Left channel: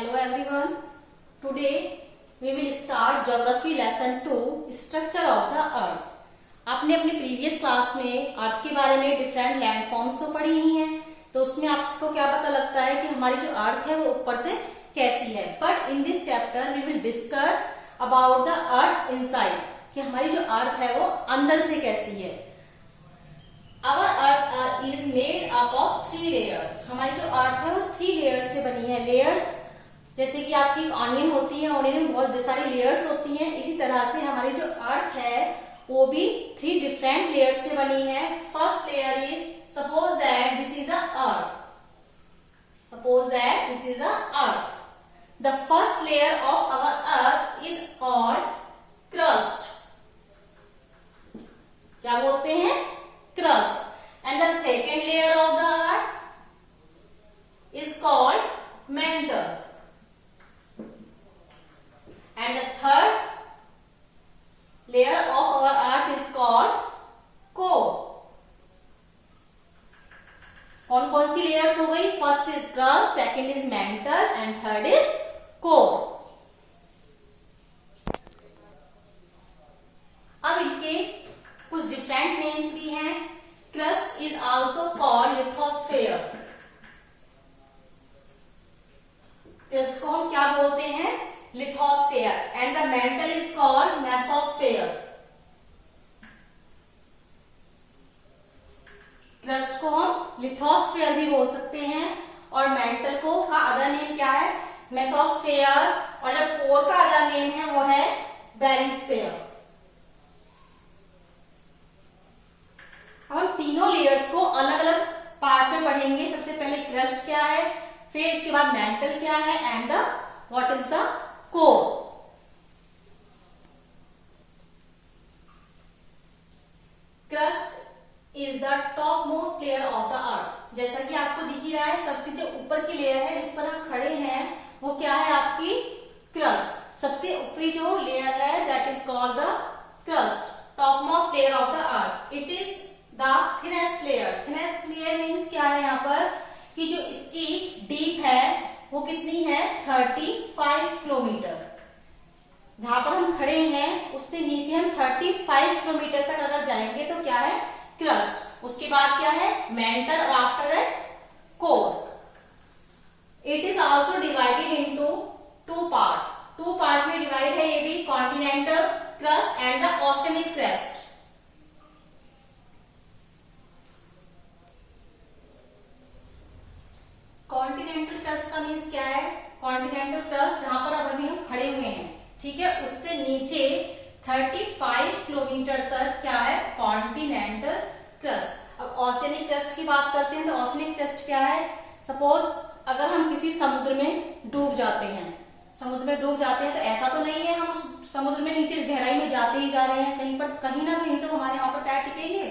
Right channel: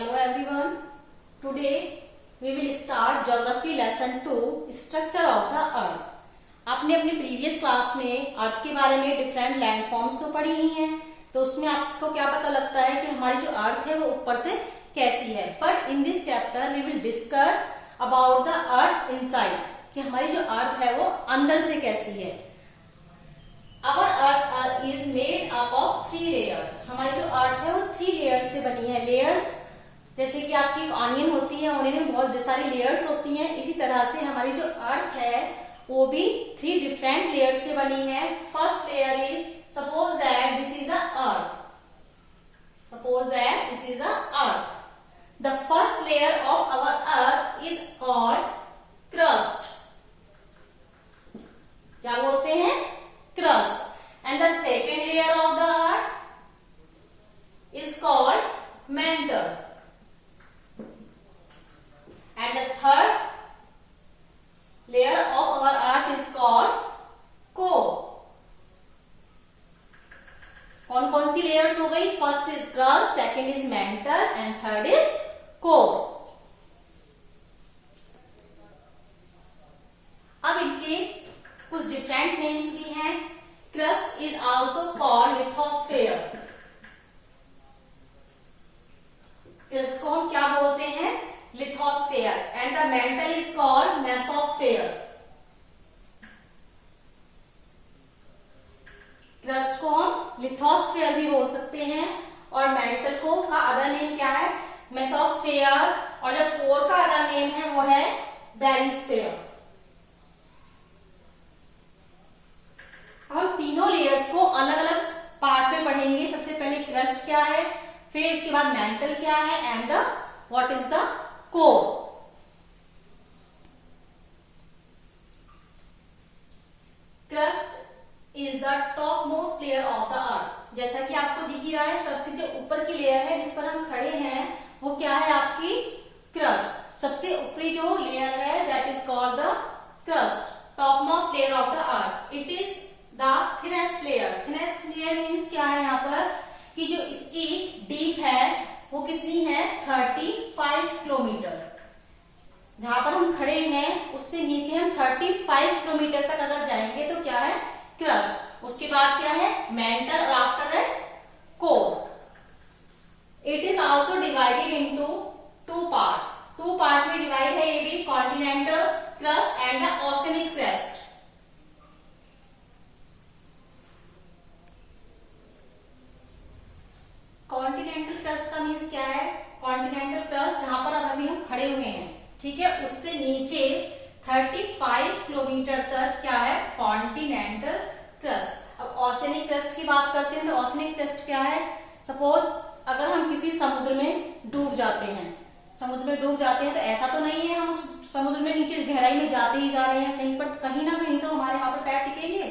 Hello everyone. Today we will start Geography Lesson 2 Structure of the Earth. आपने अपनी previous class में अर्थ के बारे में डिफरेंट लैंडफॉर्म्स तो पढ़ी ही हैं, तो उसमें आपको क्या पता लगता है कि हमारी जो अर्थ है वो ऊपर से कैसी है. But in this chapter we will discuss about the earth inside, कि हमारी जो अर्थ है वो अंदर से कैसी है. Our Earth is made up of 3 layers. हमारी जो अर्थ है वो 3 लेयर्स से बनी है. लेयर्स जैसे कि आपकी ऑनियन होती है, ऑनियन में बहुत सारी लेयर्स होती हैं, इसी तरह से हमारी जो अर्थ है वो भी 3 डिफरेंट लेयर्स से बनी है. First layer is, suppose that this is a earth. Suppose that this is a earth. The first layer of our earth is called crust. क्या बोलते हैं? Crust. And the second layer of the earth is called mantle. And the third layer of our earth is called core. कौन कौन सी layers हो गई? First is crust, second is mental and third is core. अब इनके कुछ different names भी हैं. Crust is also called lithosphere. Crust को हम क्या बोलते हैं? Lithosphere. And the mental is called mesosphere. Crust को हम लिथोस्फेयर भी बोल सकते हैं और मेंटल को का अदर नेम क्या है? मेसोस्फेयर. और जब कोर का अदर नेम है वो है बेरिस्फेयर. हम तीनों लेयर्स को अलग अलग पार्ट में पढ़ेंगे. सबसे पहले क्रस्ट क्या है, फिर उसके बाद मेंटल क्या है and the what is the core. Crust is the top most layer of the earth. जैसा कि आपको दिख ही रहा है, सबसे जो ऊपर की लेयर है जिस पर हम खड़े हैं वो क्या है? आपकी क्रस्ट. सबसे ऊपरी जो लेयर है that is called the crust, top most layer of the earth. It is the thinnest layer. Thinnest layer means क्या है यहाँ पर कि जो इसकी डीप है वो कितनी है? 35 किलोमीटर. जहां पर हम खड़े हैं उससे नीचे हम 35 किलोमीटर तक अगर जाएंगे तो क्या है? क्रस्ट. उसके बाद क्या है? मेंटल और after that core. It is also divided into 2 part. 2 part में डिवाइड है ये भी, continental crust and the oceanic crust. Continental crust का मीन्स क्या है? कॉन्टिनेंटल क्रस्ट जहां पर अभी हम खड़े हुए हैं, ठीक है, उससे नीचे 35 किलोमीटर तक क्या है? Continental crust. अब ओशियनिक क्रस्ट की बात करते हैं तो ओशियनिक क्रस्ट क्या है? सपोज अगर हम किसी समुद्र में डूब जाते हैं, समुद्र में डूब जाते हैं तो ऐसा तो नहीं है हम उस समुद्र में नीचे गहराई में जाते ही जा रहे हैं. कहीं ना कहीं तो हमारे वहां पर पैर टिकेंगे,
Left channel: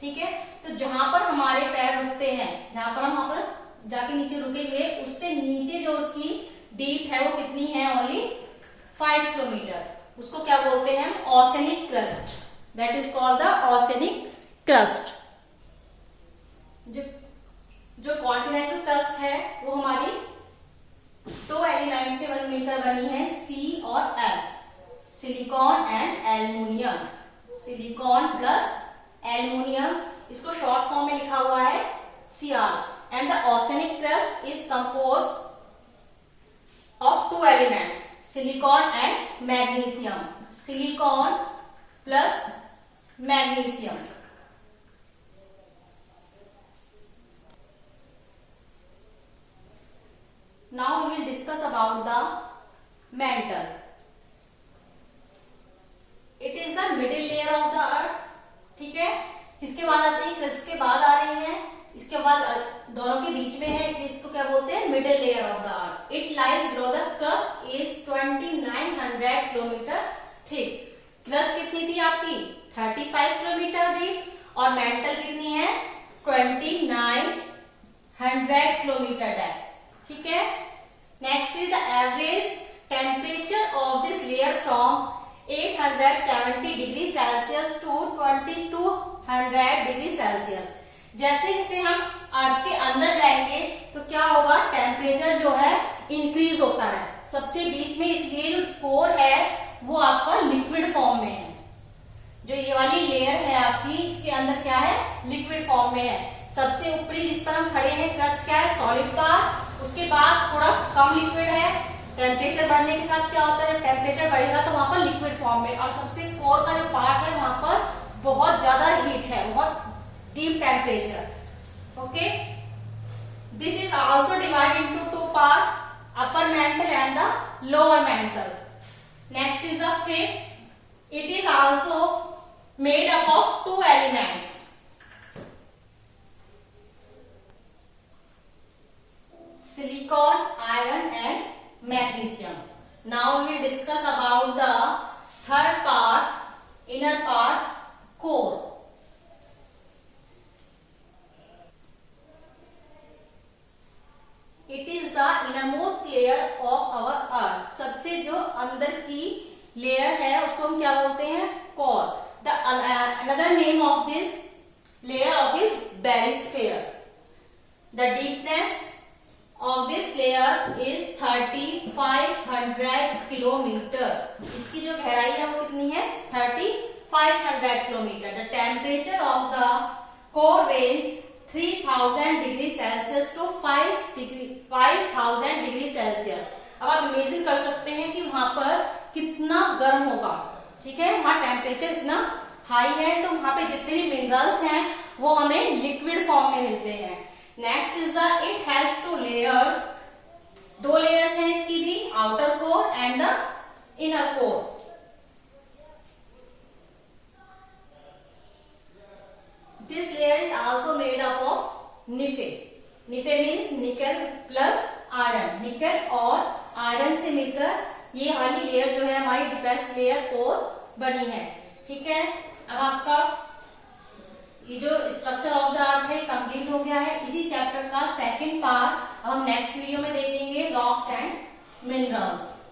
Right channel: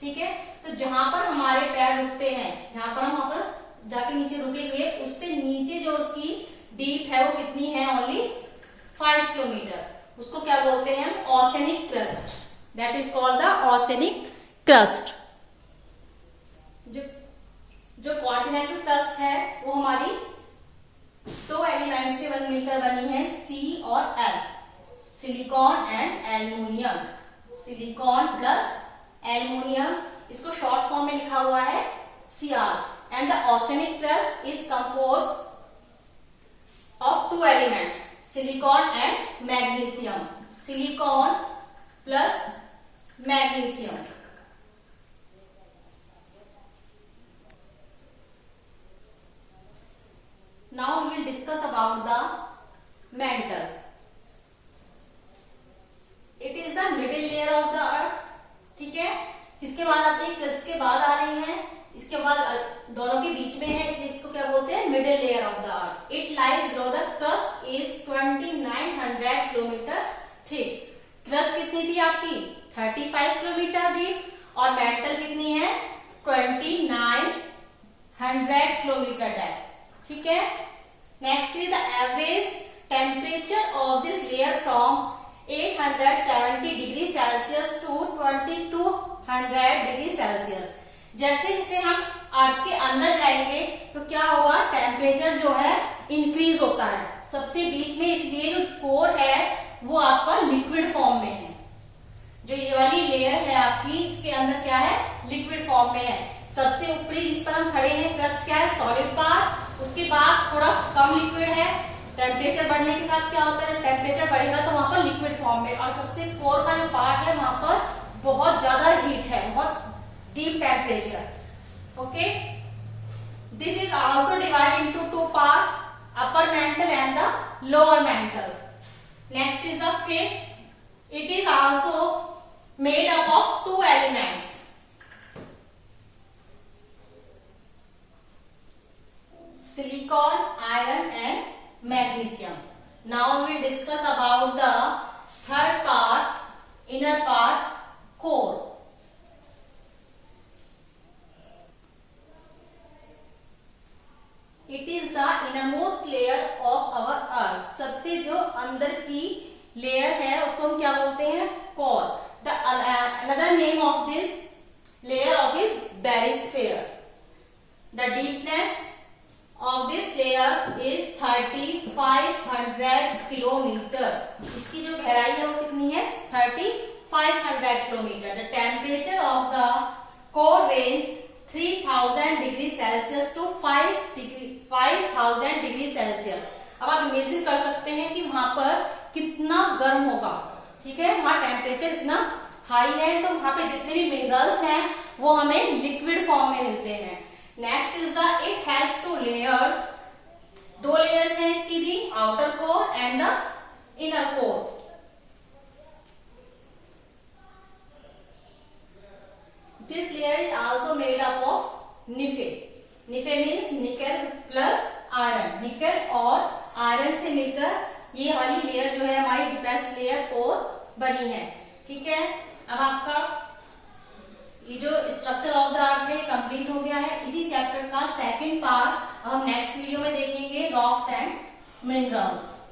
ठीक है. तो जहां पर हमारे पैर रुकते हैं, जहां पर हम वहां पर जाके नीचे रुकेंगे, उससे नीचे जो उसकी डीप है वो कितनी है? Only 5 kilometre. उसको क्या बोलते हैं? Oceanic crust. That is called the oceanic crust. जो कॉन्टिनेंटल क्रस्ट है वो हमारी 2 एलिमेंट से मिलकर बनी है, सी और L. Silicon and aluminium. Silicon plus aluminium, इसको शॉर्ट फॉर्म में लिखा हुआ है Cr. And the oceanic crust is composed of 2 elements, silicon and magnesium. Silicon plus magnesium. Now we will discuss about the mantle. It is the middle layer of the earth. ठीक है. इसके बाद आते हैं, क्रस्ट के बाद आ रही है, इसके बाद दोनों के बीच में है, इसलिए इसको क्या बोलते हैं? Middle layer of the earth. It lies below the crust is 2900 kilometre thick. Crust कितनी थी आपकी? 35 किलोमीटर डीप और मेंटल कितनी है? 2900 किलोमीटर डेप्थ. ठीक है. Next is the average temperature of this layer from 870 degree Celsius to 2200 degree Celsius. जैसे जैसे हम अर्थ के अंदर जाएंगे तो क्या होगा? टेम्परेचर जो है इंक्रीज होता है। सबसे बीच में इसलिए जो कोर है वो आपका लिक्विड फॉर्म में है। जो ये वाली लेयर है आपकी, इसके अंदर क्या है, लिक्विड फॉर्म में है। सबसे ऊपरी जिस पर हम खड़े हैं क्रस्ट क्या है, सॉलिड पार्ट। उसके बाद थोड़ा कम लिक्विड है। टेम्परेचर बढ़ने के साथ क्या होता है, टेम्परेचर बढ़ेगा तो वहां पर लिक्विड फॉर्म में, और सबसे कोर का जो पार्ट है वहां पर बहुत ज्यादा हीट है, बहुत deep temperature. Okay, this is also divide into two part, upper mantle and the lower mental. Next is the fifth, it is also made up of two elements, silicon, iron and magnesium. Now we will discuss about the third part, inner part, core. It is the innermost layer of our earth. सबसे जो अंदर की layer है उसको हम क्या बोलते हैं, core. The another name of this layer of is barysphere. The deepness of this layer is 3500 kilometre. इसकी जो गहराई है वो कितनी है, 3500 kilometre. The temperature of the core range 3000 degree Celsius to 5000 degree Celsius. अब आप इमेजिन कर सकते हैं कि वहां पर कितना गर्म होगा। ठीक है, वहां टेम्परेचर इतना हाई है तो वहां पे जितने भी मिनरल्स हैं वो हमें लिक्विड फॉर्म में मिलते हैं। Next is the, it has two layers, दो लेयर्स हैं इसकी भी, outer core and the inner core. This layer is also made up of निफे। निफे means nickel plus iron. निकल और आयरन से मिलकर ये वाली लेयर जो है हमारी डीपेस्ट लेयर कोर बनी है। ठीक है, अब आपका ये जो स्ट्रक्चर ऑफ द अर्थ है कंप्लीट हो गया है। इसी चैप्टर का सेकंड पार्ट हम नेक्स्ट वीडियो में देखेंगे, रॉक्स एंड मिनरल्स।